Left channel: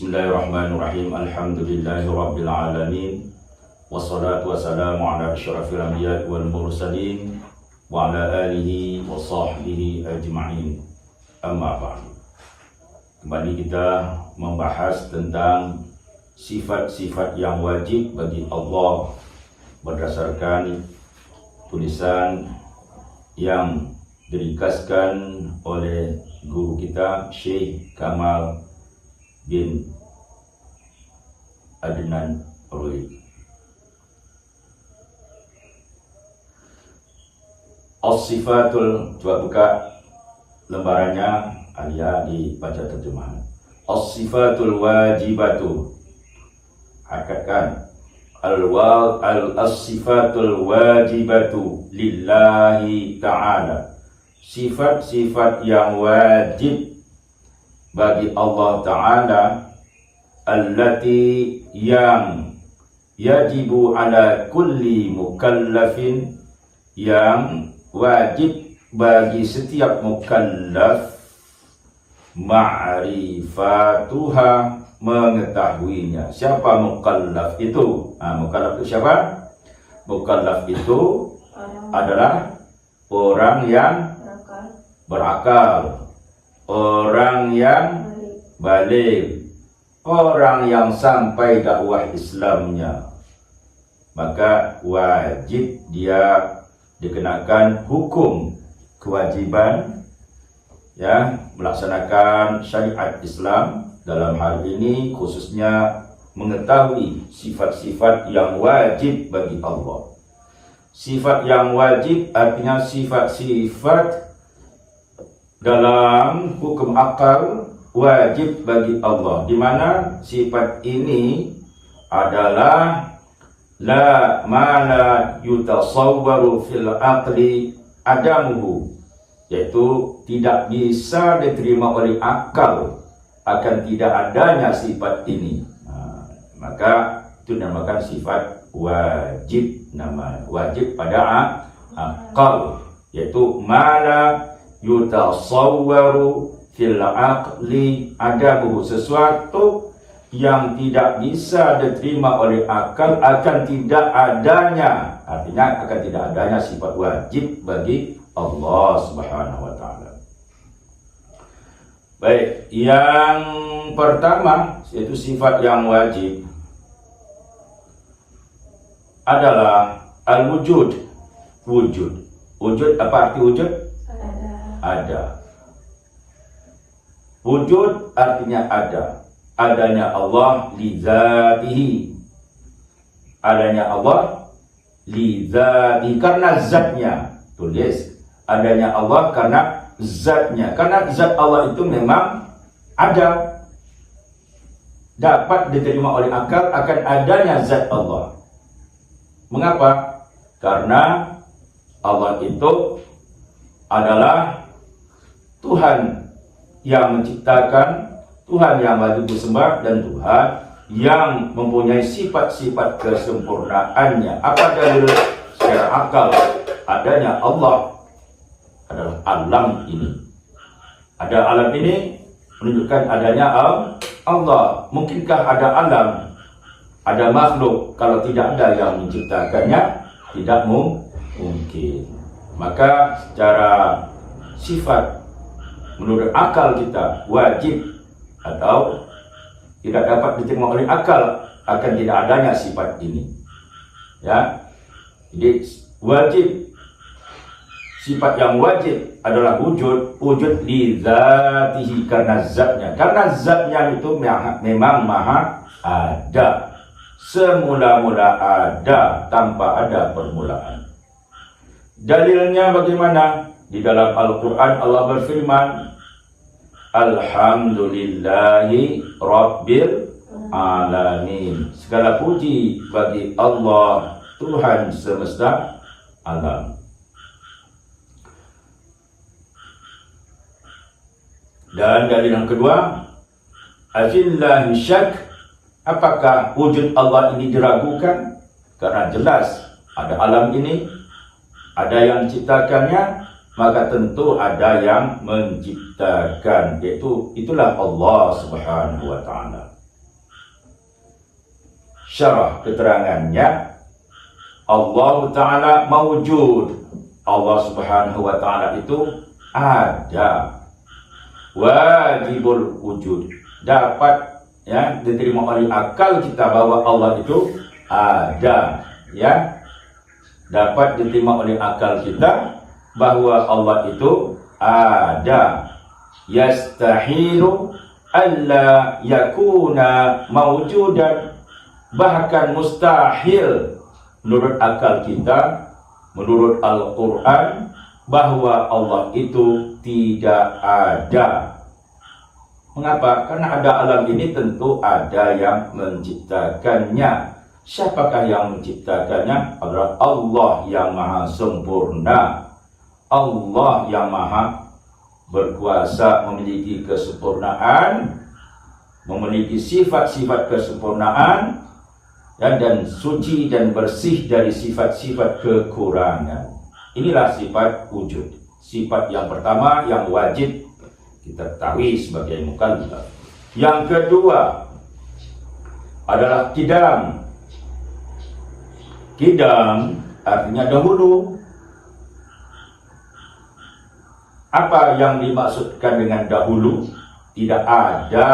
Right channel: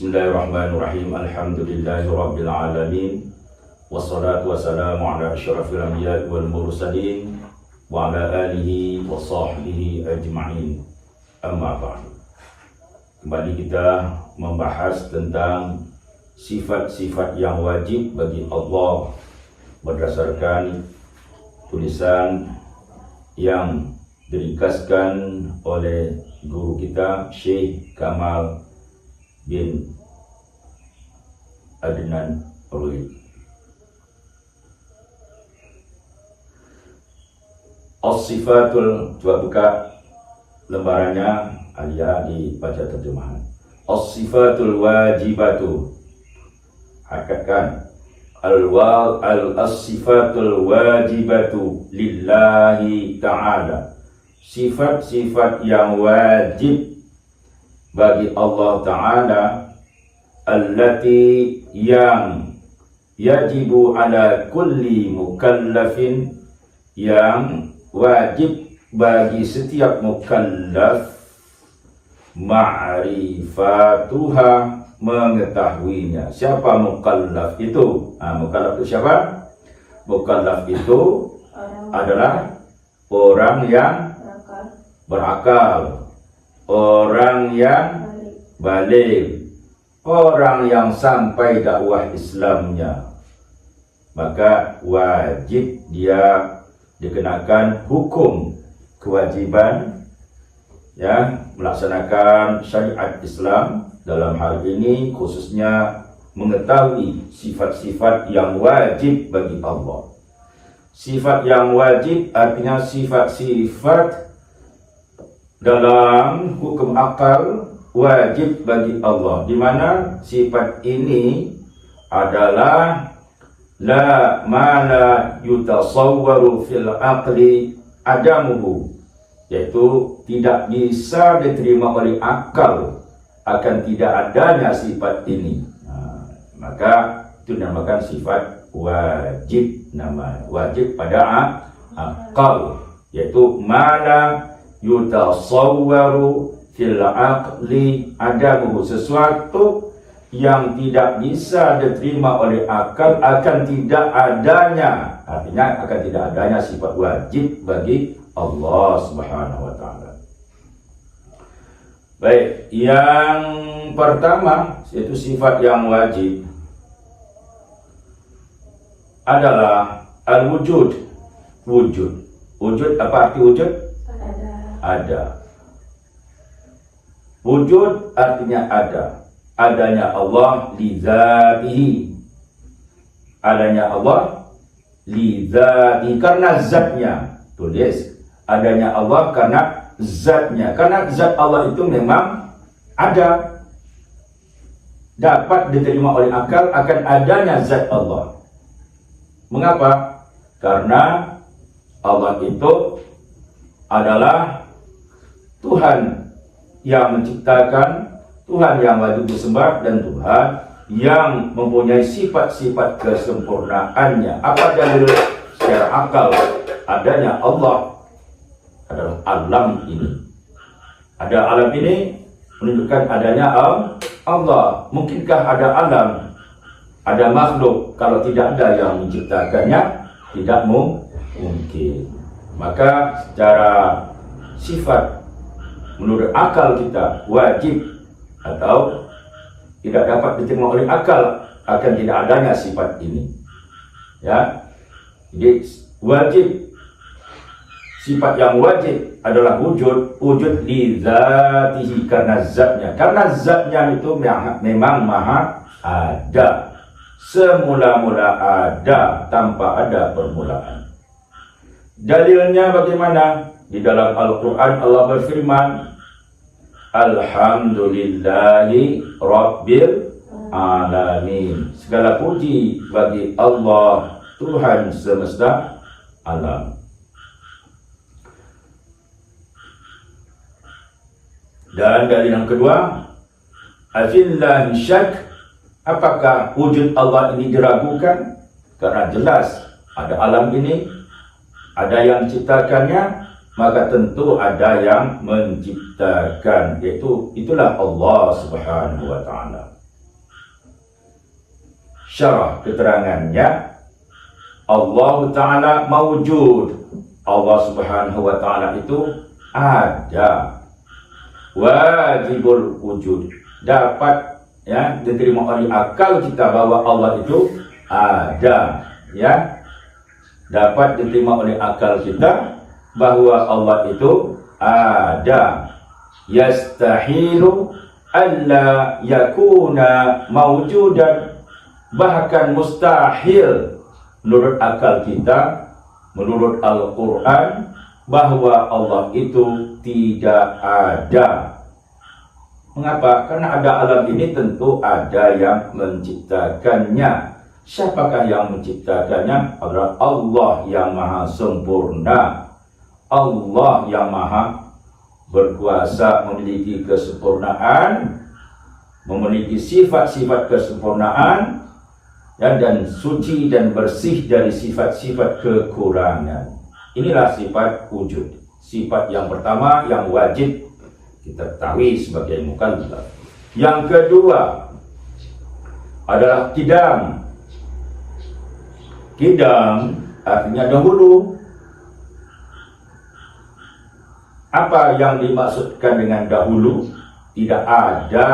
Bismillahirrahmanirrahim. Alhamdulillahirabbil alamin. Wassalatu wassalamu ala asyrafil anbiya'i wal mursalin wa ala alihi wa sahbihi ajma'in. Amma ba'du. Kembali kita membahas tentang sifat-sifat yang wajib bagi Allah berdasarkan tulisan yang diringkaskan oleh guru kita Syekh Kamal bin Adnan Ruid. As-sifatul, coba buka lembarannya, Alia dibaca terjemahan. As-sifatul wajibatu, hakatkan as-sifatul wajibatu lillahi ta'ala, sifat-sifat yang wajib bagi Allah Ta'ala, allati yang yajibu ala kulli mukallafin, yang wajib bagi setiap mukallaf, ma'rifatuha, mengetahuinya. Siapa mukallaf itu? Mukallaf itu siapa? Mukallaf itu adalah orang yang berakal, orang yang balik, orang yang sampai dakwah Islamnya. Maka wajib dia dikenakan hukum kewajiban, ya, melaksanakan syariat Islam. Dalam hal ini khususnya mengetahui sifat-sifat yang wajib bagi Allah. Sifat yang wajib artinya sifat-sifat dalam hukum akal wajib bagi Allah, di mana sifat ini adalah la ma la yutasawwaru fil aqli adamuhu, yaitu tidak bisa diterima oleh akal akan tidak adanya sifat ini. Maka itu dinamakan sifat wajib, nama wajib pada akal, yaitu ma la yutasawwaru fil aqli adamuhu, sesuatu yang tidak bisa diterima oleh akal akan tidak adanya, artinya akan tidak adanya sifat wajib bagi Allah Subhanahu wa taala. Baik, yang pertama yaitu sifat yang wajib adalah al-wujud. Wujud. Wujud, apa arti wujud? Ada. Wujud artinya ada. Adanya Allah li dzatihi, adanya Allah li dzatihi, karena zatnya. Tulis, adanya Allah karena zatnya, karena zat Allah itu memang ada, dapat diterima oleh akal akan adanya zat Allah. Mengapa? Karena Allah itu adalah Tuhan yang menciptakan, Tuhan yang wajib disembah, dan Tuhan yang mempunyai sifat-sifat kesempurnaannya. Apa dalil secara akal adanya Allah? Adalah alam ini. Ada alam ini menunjukkan adanya Allah. Mungkinkah ada alam, ada makhluk kalau tidak ada yang menciptakannya? Tidak mungkin. Maka secara sifat menurut akal kita wajib atau tidak dapat diterima oleh akal akan tidak adanya sifat ini, ya. Jadi wajib, sifat yang wajib adalah wujud li dzatihi, karena zatnya itu memang maha ada, semula-mula ada tanpa ada permulaan. Dalilnya bagaimana? Di dalam Al-Quran Allah berfirman, alhamdulillahi rabbil alamin, segala puji bagi Allah Tuhan semesta alam. Dan dari yang kedua, afillahi syak, apakah wujud Allah ini diragukan? Karena jelas ada alam ini, ada yang menciptakannya, maka tentu ada yang menciptakan, yaitu itulah Allah Subhanahu wa taala. syarah keterangannya, Allah Ta'ala mawjud. Allah Subhanahu Wa Ta'ala itu ada. Wajibul wujud. Dapat diterima oleh akal kita bahwa Allah itu ada. Dapat diterima oleh akal kita bahwa Allah itu ada. Yastahilu alla yakuna mawjudan. Bahkan mustahil menurut akal kita, menurut Al-Quran, bahwa Allah itu tidak ada. Mengapa? Karena ada alam ini tentu ada yang menciptakannya. Siapakah yang menciptakannya? Adalah Allah yang maha sempurna. Allah yang maha berkuasa, memiliki kesempurnaan, memiliki sifat-sifat kesempurnaan, dan suci dan bersih dari sifat-sifat kekurangan. Inilah sifat wujud. Sifat yang pertama yang wajib kita ketahui sebagai mukallaf. Yang kedua adalah qidam. Qidam artinya dahulu. Apa yang dimaksudkan dengan dahulu? Tidak ada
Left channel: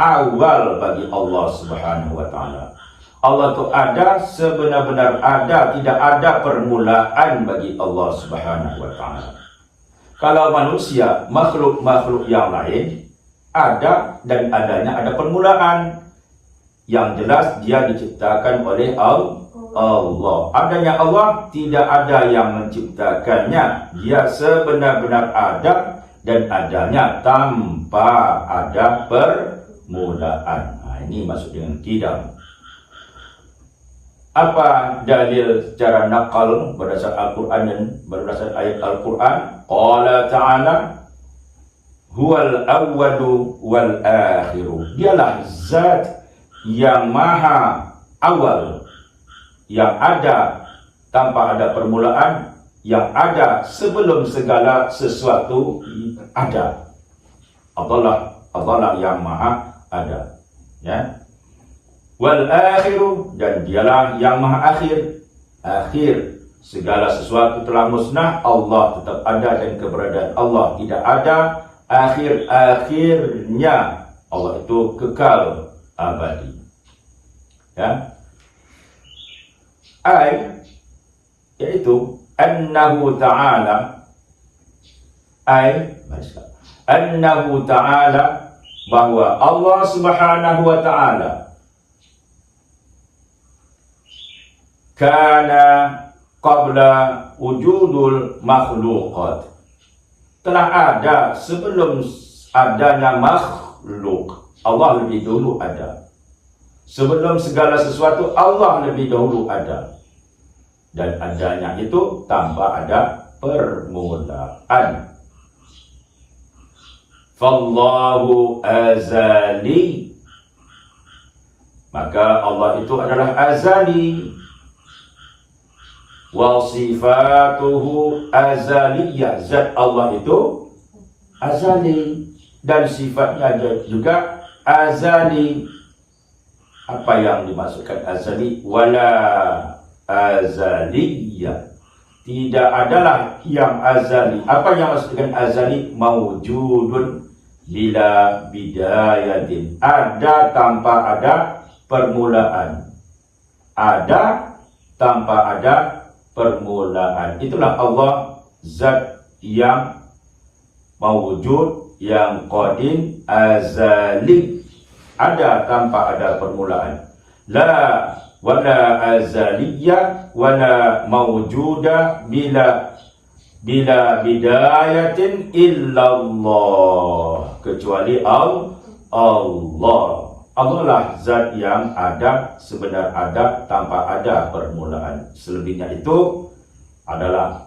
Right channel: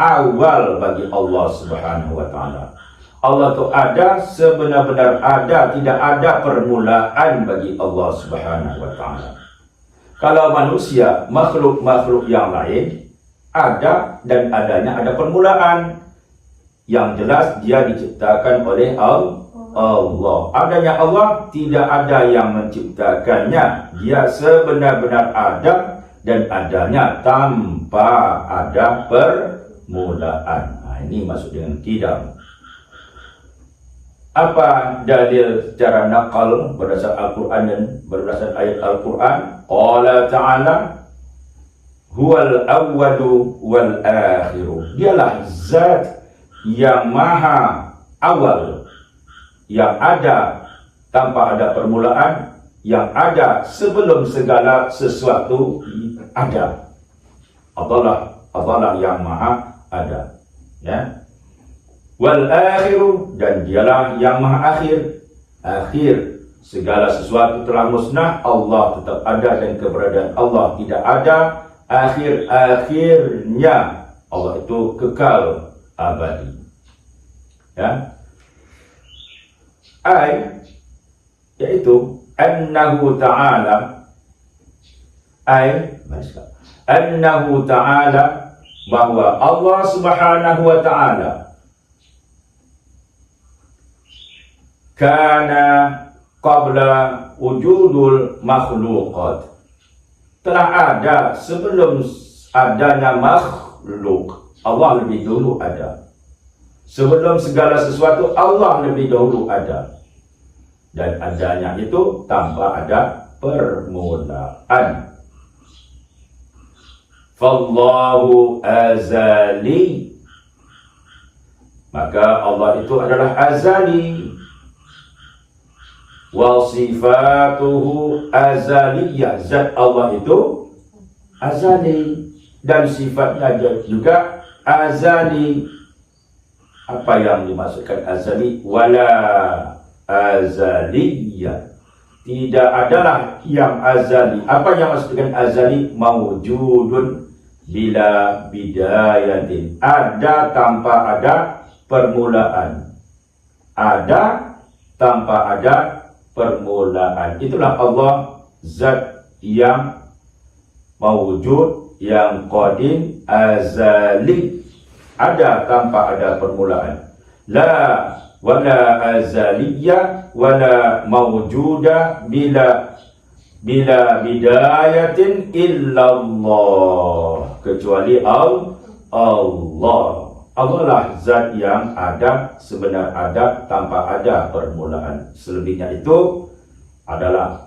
awal bagi Allah Subhanahu Wa Ta'ala. Allah itu ada, sebenar-benar ada, tidak ada permulaan bagi Allah Subhanahu Wa Ta'ala. Kalau manusia, makhluk-makhluk yang lain, ada dan adanya ada permulaan. Yang jelas dia diciptakan oleh Allah. Adanya Allah, tidak ada yang menciptakannya. Dia sebenar-benar ada dan adanya tanpa ada permulaan. Ini maksud dengan qidam. Apa dalil secara nakal berdasar Al-Quran dan berdasar ayat Al-Quran? Qala ta'ala huwal awwalu wal akhiru. Dialah zat yang maha awal, yang ada tanpa ada permulaan, yang ada sebelum segala sesuatu ada. Allah yang maha ada. Wal akhiru, dan dialah yang maha akhir. Akhir segala sesuatu telah musnah, Allah tetap ada dan keberadaan Allah tidak ada akhir-akhirnya. Allah itu kekal abadi. Yaitu annahu ta'ala, annahu ta'ala, bahwa Allah Subhanahu Wa Ta'ala kana qabla wujudul makhluqat, telah ada sebelum adanya makhluk. Allah lebih dulu ada. Sebelum segala sesuatu Allah lebih dahulu ada. Dan adanya itu tanpa ada permulaan. Fallahu azali, maka Allah itu adalah azali. Wa sifatuhu azaliyah, zat Allah itu azali dan sifatnya juga azali. Apa yang dimaksudkan azali? Wala azaliyah, tidak adalah yang azali. Apa yang maksudkan azali? Mawjudun bila bidayatin, ada tanpa ada permulaan. Ada tanpa ada permulaan. Itulah Allah, zat yang mawjud, yang qadim, azali, ada tanpa ada permulaan. La wala azaliyah wala mawjuda bila bidayatin illallah, kecuali Allah. Allah lah zat yang ada, sebenar ada, tanpa ada permulaan. Selebihnya itu adalah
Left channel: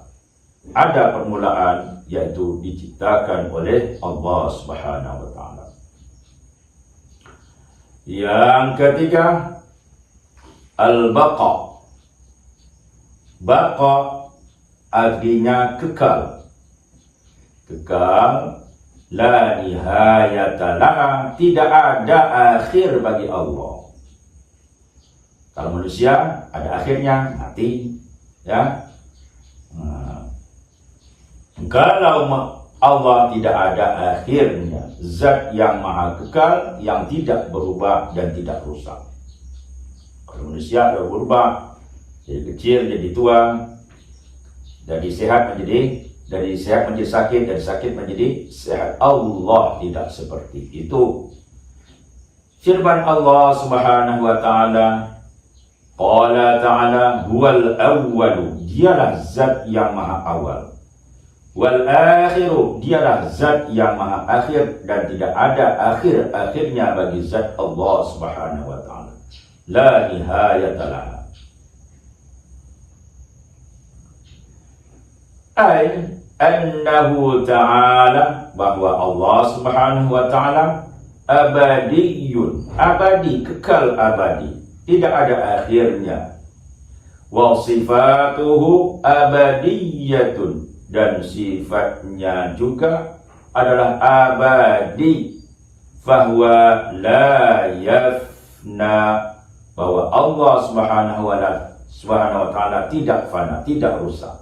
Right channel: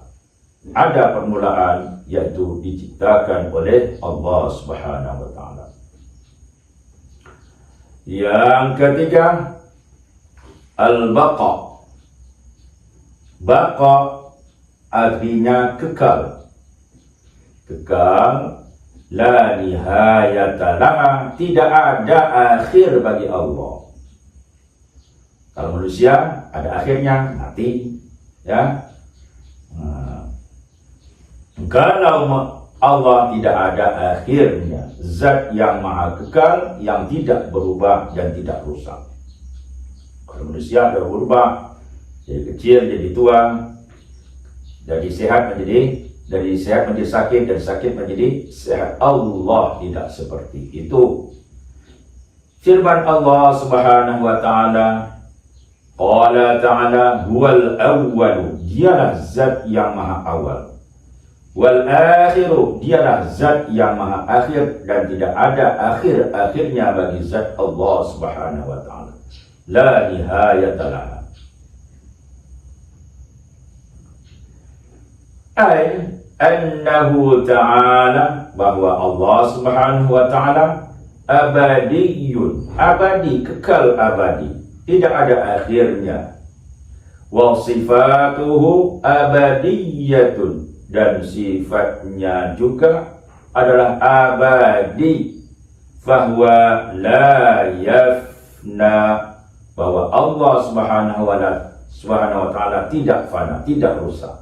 ada permulaan, yaitu diciptakan oleh Allah Subhanahu Wa Ta'ala. Yang ketiga, al-baqa. Baqa artinya kekal. Kekal, la nihayata laha, tidak ada akhir bagi Allah. Kalau manusia ada akhirnya, mati, ya. Kalau Allah tidak ada akhirnya, zat yang maha kekal, yang tidak berubah dan tidak rusak. Kalau manusia ada berubah, jadi kecil jadi tua, dari sehat menjadi sakit, dan sakit menjadi sehat. Allah tidak seperti itu. Firman Allah Subhanahu wa taala, qala ta'ala huwal awwalu, dialah zat yang maha awal. Wal akhiru, dialah zat yang maha akhir, dan tidak ada akhir-akhirnya bagi zat Allah Subhanahu wa taala. La nihayata laha. Ay annahu ta'ala, bahwa Allah Subhanahu wa taala abadiyun, abadi, kekal abadi, tidak ada akhirnya. Wa sifatuhu abadiyatun, dan sifatnya juga adalah abadi. Fahuwa la yafna, bahwa Allah Subhanahu wa taala tidak fana, tidak rusak.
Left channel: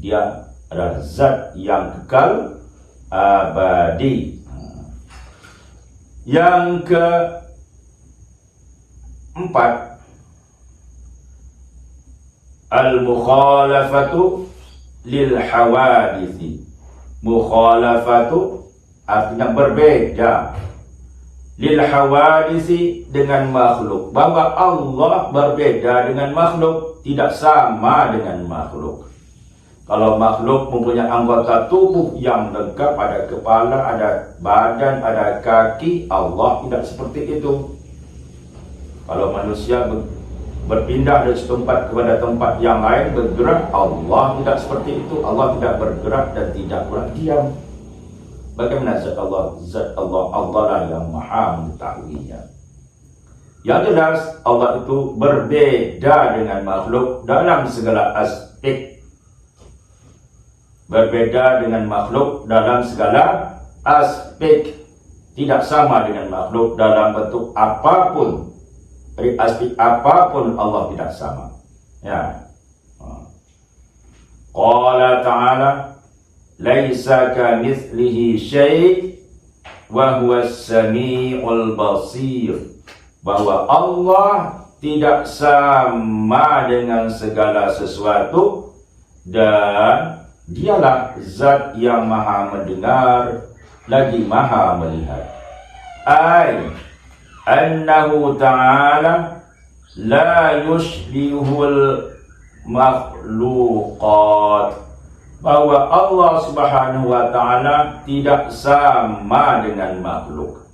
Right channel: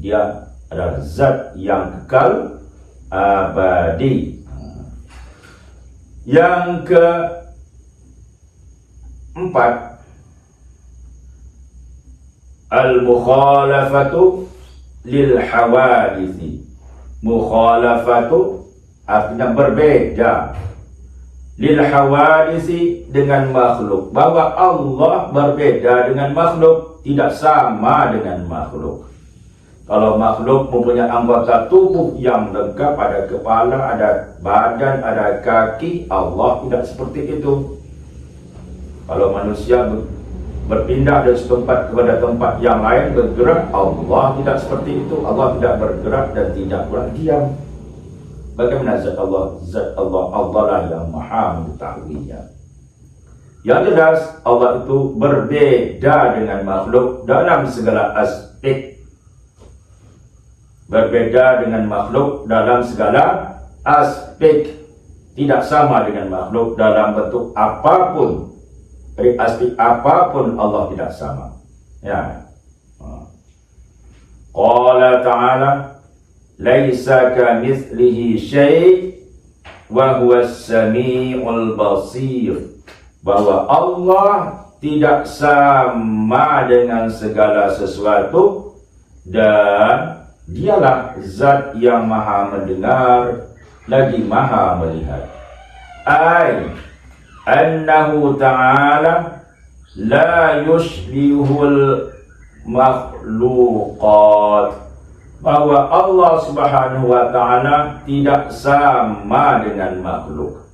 Dia adalah zat yang kekal abadi. Yang keempat, al-mukhalafatu lil hawadisi. Mukhalafatu artinya berbeda. Lil hawadisi, dengan makhluk. Bahwa Allah berbeda dengan makhluk, tidak sama dengan makhluk. Kalau makhluk mempunyai anggota tubuh yang lengkap, ada kepala, ada badan, ada kaki, Allah tidak seperti itu. Kalau manusia berpindah dari tempat kepada tempat yang lain, bergerak, Allah tidak seperti itu. Allah tidak bergerak dan tidak pula diam. Bagaimana zat Allah? Zat Allah lah yang maha mengetahuinya. Yang jelas, Allah itu berbeda dengan makhluk dalam segala aspek. Berbeda dengan makhluk dalam segala aspek. Tidak sama dengan makhluk dalam bentuk apapun. Dari aspek apapun Allah tidak sama. Ya. Qala ta'ala, laisa kamitslihi syai' wa huwas samiul basir. Bahwa Allah tidak sama dengan segala sesuatu, dan dialah zat yang maha mendengar lagi maha melihat. Ay annahu ta'ala la yushbihul makhluqat, bahwa Allah Subhanahu wa ta'ala tidak sama dengan makhluk.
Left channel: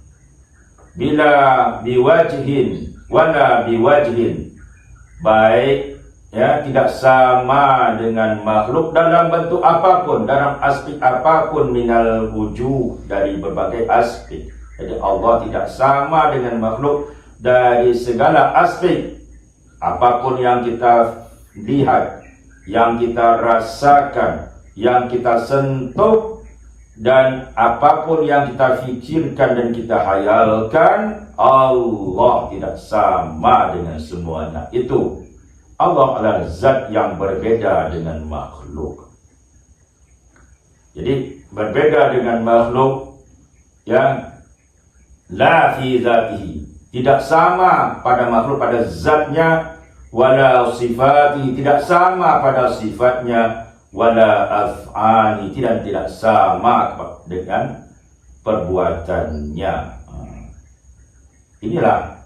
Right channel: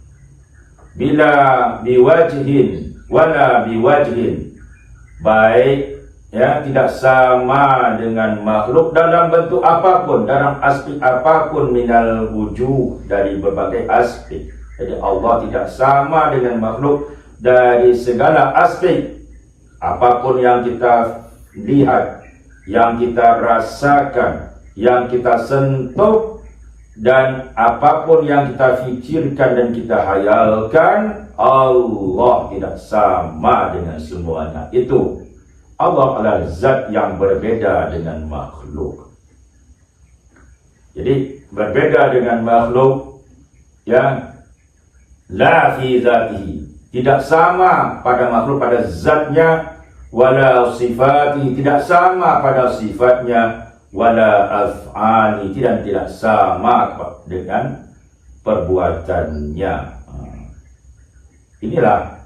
Bila biwajhin wala biwajhin, baik ya, tidak sama dengan makhluk dalam bentuk apapun, dalam aspek apapun, minal wujuh, dari berbagai aspek. Jadi Allah tidak sama dengan makhluk dari segala aspek. Apapun yang kita lihat, yang kita rasakan, yang kita sentuh, dan apapun yang kita fikirkan dan kita hayalkan, Allah tidak sama dengan semuanya itu. Allah adalah zat yang berbeda dengan makhluk. Jadi berbeda dengan makhluk yang la fi zatihi, tidak sama pada makhluk pada zatnya, wala sifati, tidak sama pada sifatnya, wala af'ali, tidak sama dengan perbuatannya. Inilah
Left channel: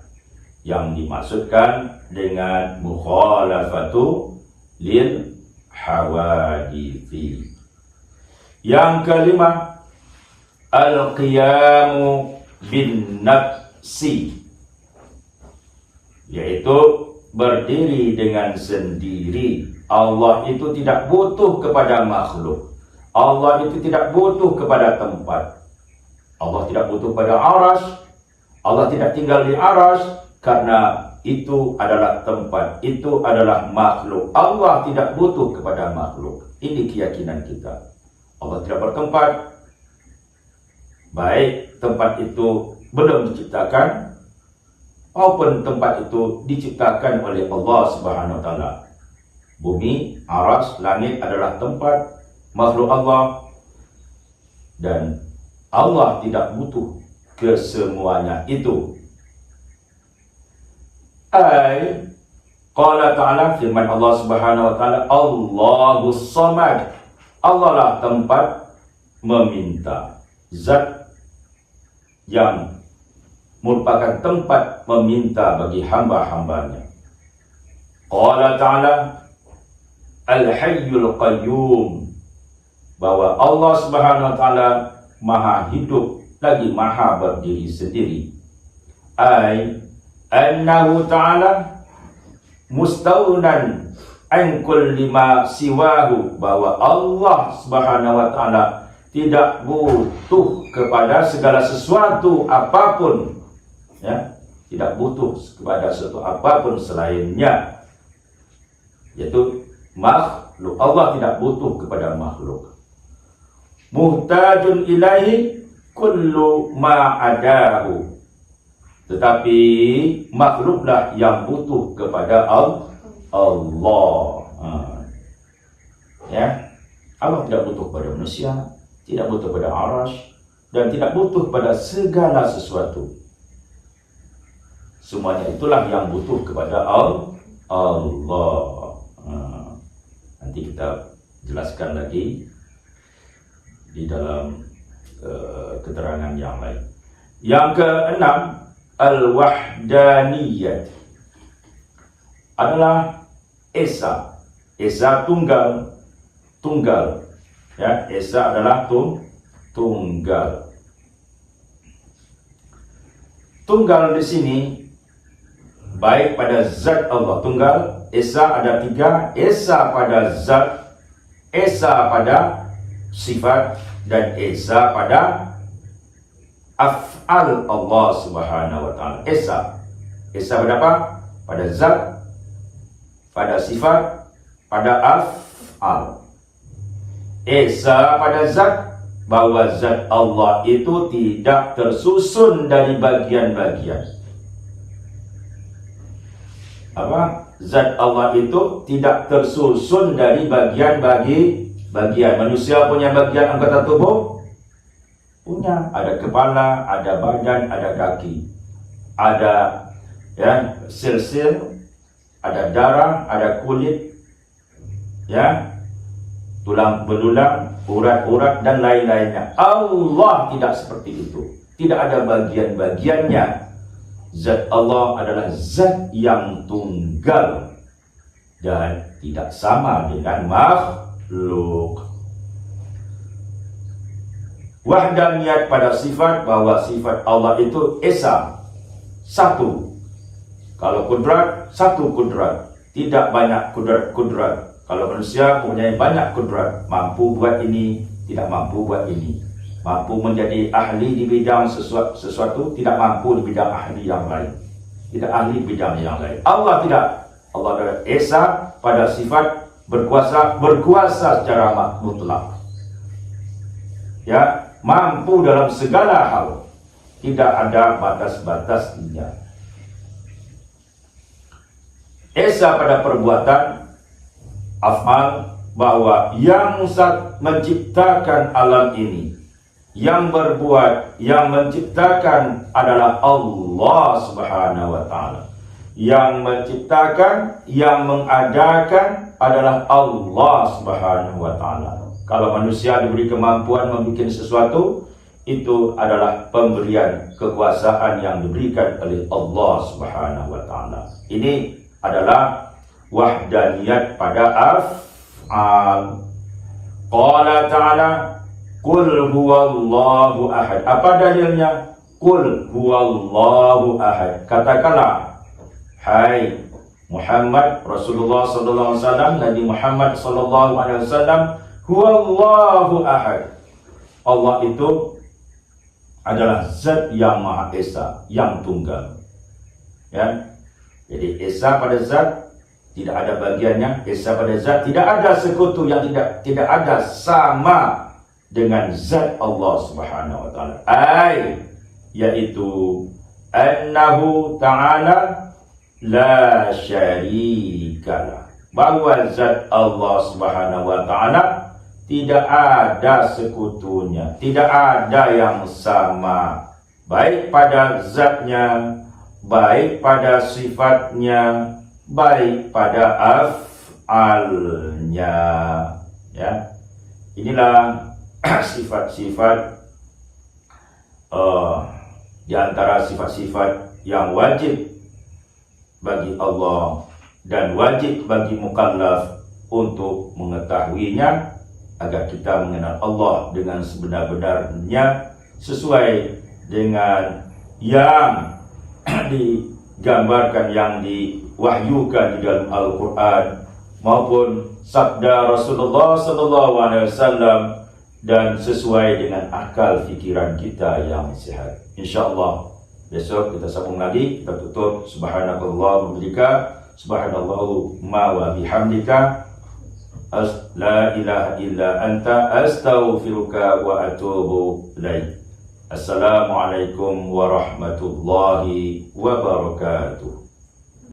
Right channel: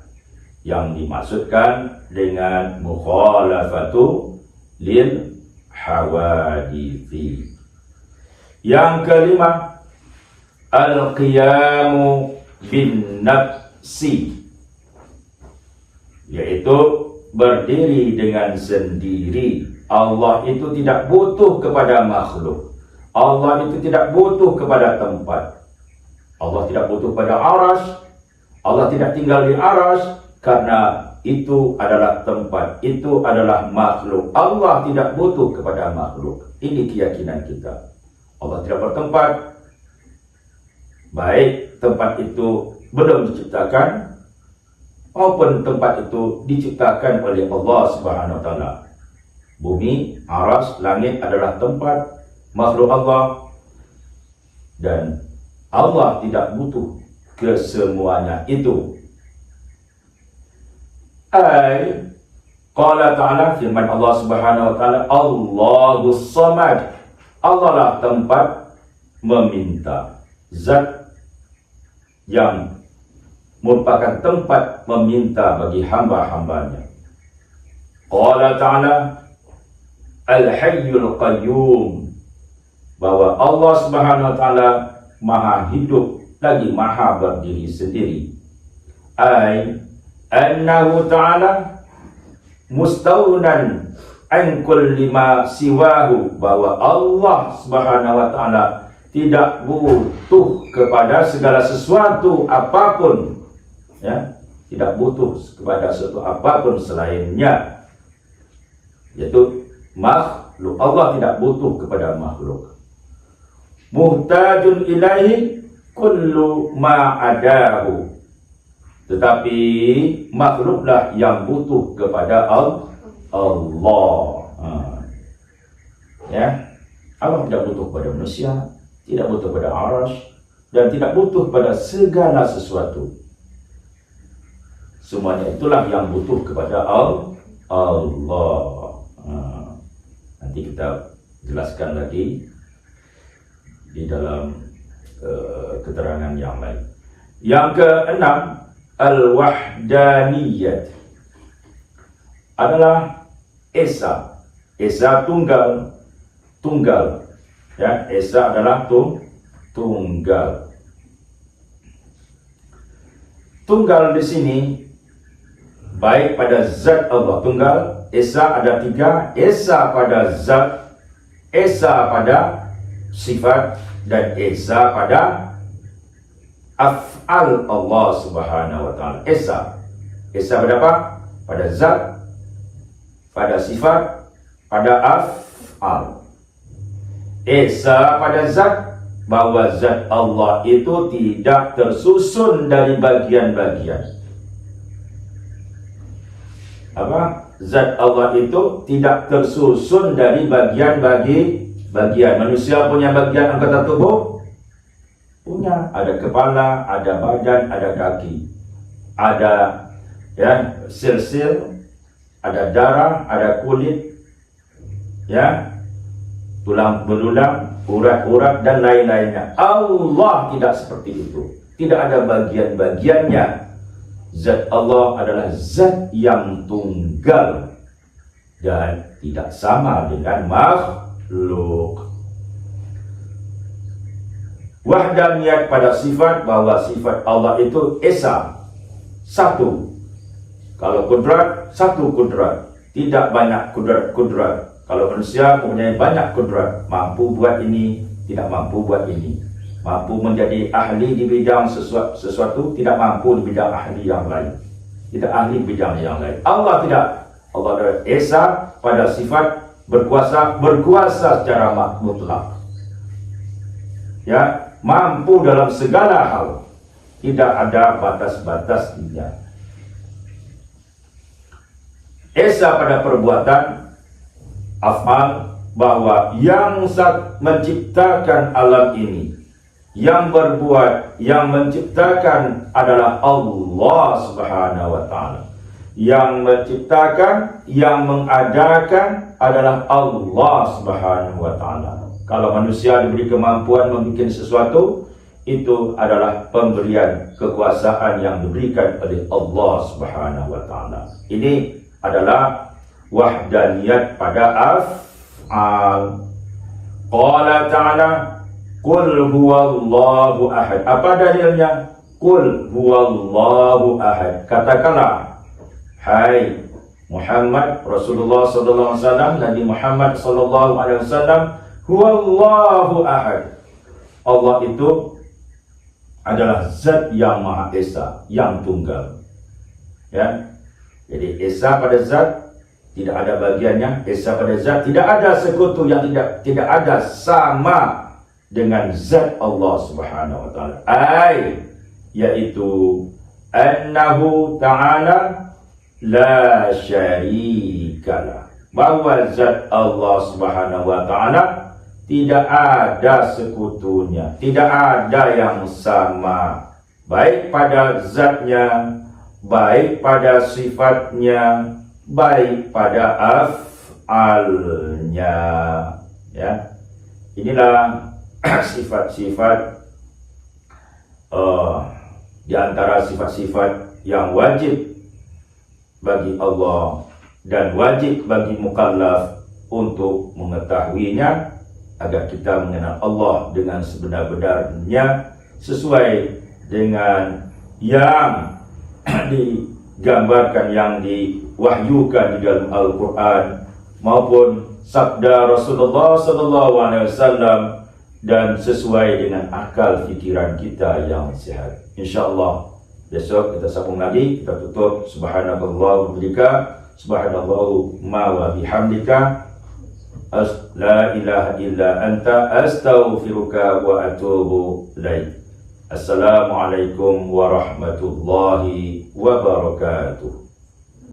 yang dimaksudkan dengan mukhalafatu lil hawadithi. Yang kelima, al-qiyamu bin nafsi, yaitu berdiri dengan sendiri. Allah itu tidak butuh kepada makhluk. Allah itu tidak butuh kepada tempat. Allah tidak butuh pada arasy. Allah tidak tinggal di arasy, karena itu adalah tempat, itu adalah makhluk. Allah tidak butuh kepada makhluk. Ini keyakinan kita. Allah tidak bertempat. Baik tempat itu belum diciptakan, maupun tempat itu diciptakan oleh Allah Subhanahu wa taala. Bumi, aras, langit adalah tempat makhluk Allah, dan Allah tidak butuh kesemuanya itu. Qala ta'ala, firman Allah Subhanahu wa taala, Allahus Samad. Allah lah tempat meminta, zat yang merupakan tempat meminta bagi hamba-hambanya. Qala ta'ala, Al-Hayyul Qayyum, bahwa Allah Subhanahu wa taala maha hidup lagi maha berdiri sendiri. Annahu ta'ala mustaunan an kulli ma siwahu, bahwa Allah Subhanahu wa taala tidak butuh kepada segala sesuatu apapun, ya, tidak butuh kepada sesuatu apapun selainnya, yaitu makhluk. Allah tidak butuh kepada makhluk. Muhtajun ilaihi kullu ma adahu, tetapi makhluklah yang butuh kepada Allah. Ya, Allah tidak butuh kepada manusia, tidak butuh kepada arasy, dan tidak butuh pada segala sesuatu. Semuanya itulah yang butuh kepada Allah. Nanti kita jelaskan lagi di dalam keterangan yang lain. Yang keenam, al-wahdaniyat adalah esa. Esa tunggal. Ya, esa adalah tunggal. Tunggal di sini baik pada zat Allah tunggal. Esa ada tiga. Esa pada zat, esa pada sifat, dan esa pada af'al Allah Subhanahu wa taala. Esa pada apa? Pada zat, pada sifat, pada af'al. Esa pada zat, bahwa zat Allah itu tidak tersusun dari bagian-bagian. Apa? Zat Allah itu tidak tersusun dari bagian. Manusia punya bagian anggota tubuh? Punya. Ada kepala, ada badan, ada kaki. Ada, ya, sel-sel, ada darah, ada kulit, ya, tulang belulang, urat-urat, dan lain-lainnya. Allah tidak seperti itu. Tidak ada bagian-bagiannya. Zat Allah adalah zat yang tunggal dan tidak sama dengan makhluk. Wahdaniyat pada sifat, bahwa sifat Allah itu esa, satu. Kalau kudrat, satu kudrat, tidak banyak kudrat. Kalau manusia mempunyai banyak kudrat, mampu buat ini, tidak mampu buat ini, mampu menjadi ahli di bidang sesuatu, tidak mampu di bidang ahli yang lain, tidak ahli di bidang yang lain. Allah tidak. Allah adalah esa pada sifat, berkuasa secara mutlak, ya, mampu dalam segala hal, tidak ada batas-batasnya. Esa pada perbuatan, afal, bahwa yang menciptakan alam ini, yang berbuat, yang menciptakan adalah Allah Subhanahu wa taala. Yang menciptakan, yang mengadakan adalah Allah Subhanahu wa taala. Kalau manusia diberi kemampuan membuat sesuatu, itu adalah pemberian kekuasaan yang diberikan oleh Allah Subhanahu wa taala. Ini adalah wahdaniyat pada af'al. Qala ta'ala, Qul huwallahu ahad. Apa dalilnya? Qul huwallahu ahad. Katakanlah, hai Muhammad Rasulullah sallallahu alaihi wasallam, Nabi Muhammad sallallahu alaihi wasallam, huwallahu ahad. Allah itu adalah zat yang maha esa, yang tunggal. Ya. Jadi esa pada zat, tidak ada bagiannya. Esa pada zat, tidak ada sekutu yang tidak ada sama dengan zat Allah Subhanahu wa taala. Yaitu annahu ta'ala la syarikalah, bahwa zat Allah Subhanahu wa taala tidak ada sekutunya, tidak ada yang sama, baik pada zatnya, baik pada sifatnya, baik pada af'alnya. Ya, inilah sifat-sifat di antara sifat-sifat yang wajib bagi Allah dan wajib bagi mukallaf untuk mengetahuinya, agar kita mengenal Allah dengan sebenar-benarnya sesuai dengan yang digambarkan, yang diwahyukan di dalam Al-Quran maupun sabda Rasulullah SAW, dan sesuai dengan akal fikiran kita yang sehat. InsyaAllah besok kita sambung lagi, kita tutup. Subhanakallah wa bihamdika, subhanallahumma wa bihamdika, la ilaha illa anta, astaghfiruka wa atubu ilaik. Assalamualaikum warahmatullahi wabarakatuh.